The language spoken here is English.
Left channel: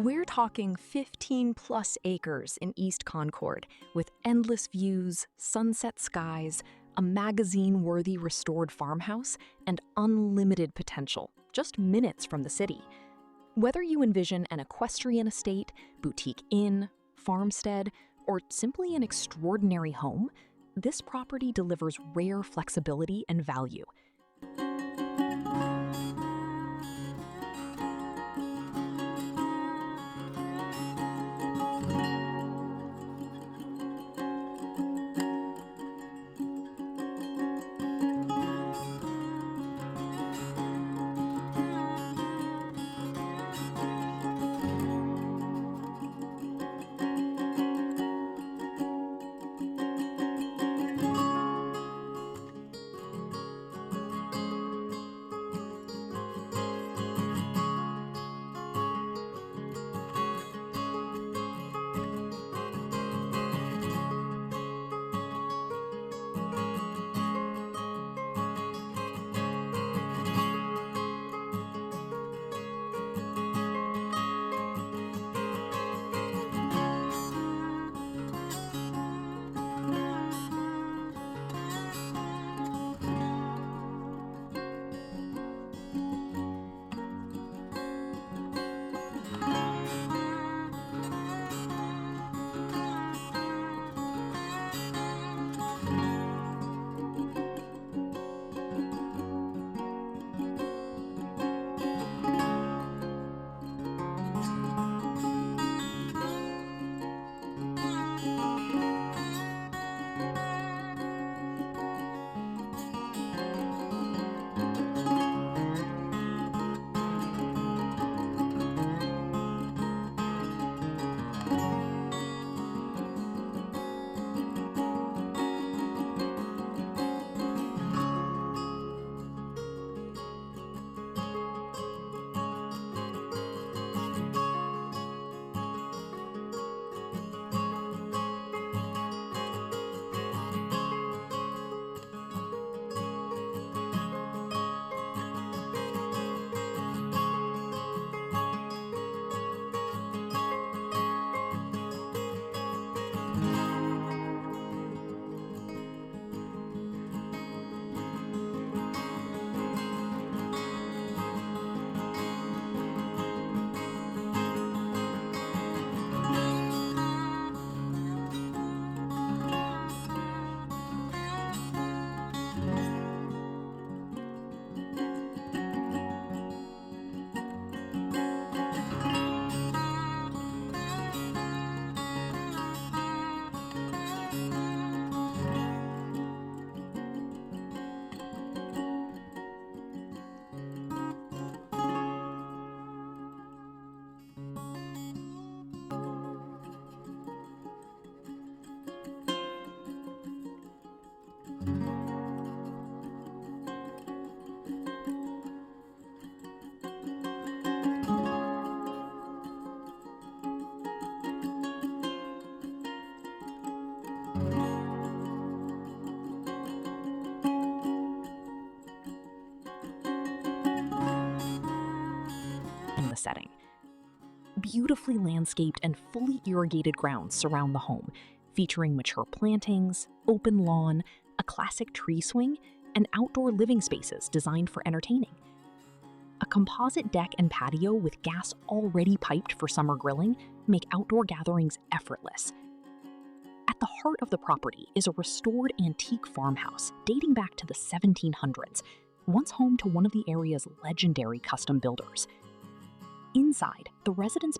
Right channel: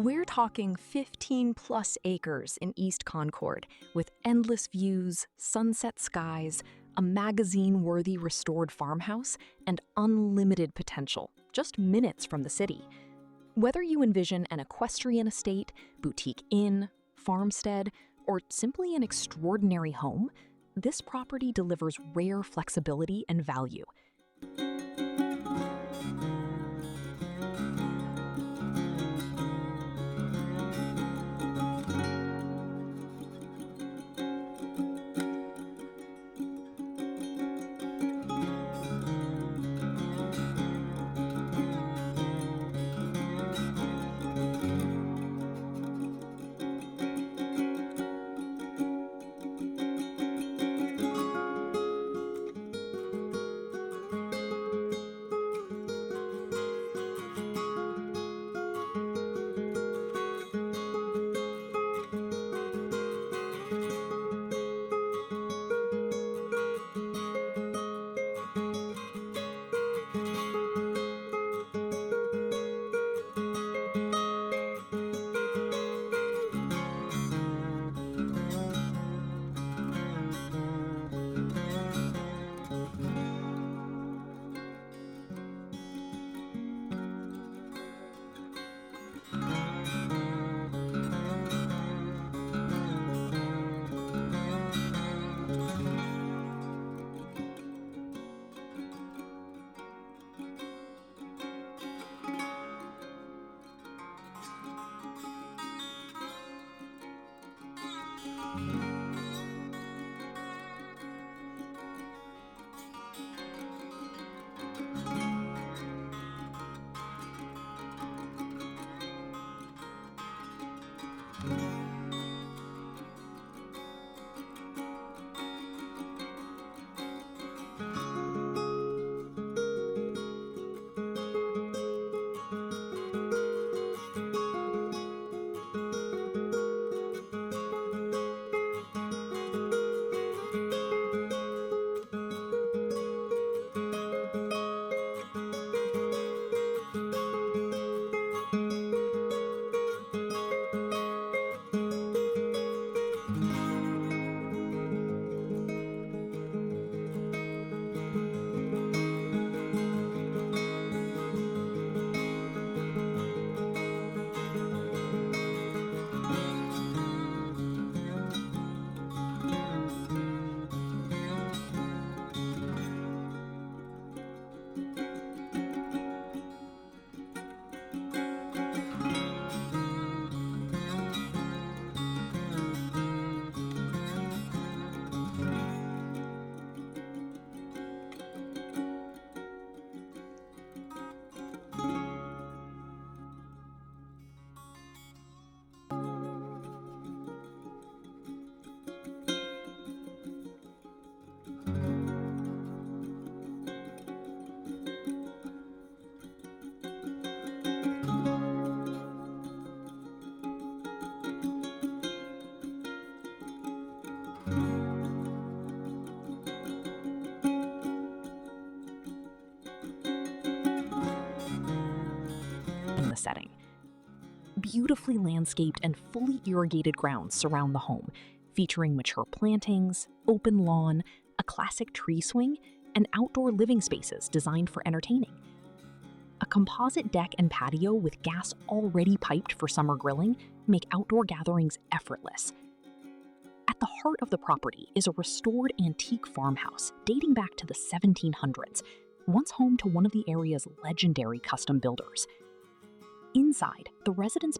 We're talking 15-plus acres in East Concord, with endless views, sunset skies, a magazine-worthy restored farmhouse, and unlimited potential, just minutes from the city. Whether you envision an equestrian estate, boutique inn, farmstead, or simply an extraordinary home, this property delivers rare flexibility and value. In the setting. Beautifully landscaped and fully irrigated grounds surround the home, featuring mature plantings, open lawn, a classic tree swing, and outdoor living spaces designed for entertaining. A composite deck and patio with gas already piped for summer grilling make outdoor gatherings effortless. At the heart of the property is a restored antique farmhouse dating back to the 1700s, once home to one of the area's legendary custom builders. Inside, the residents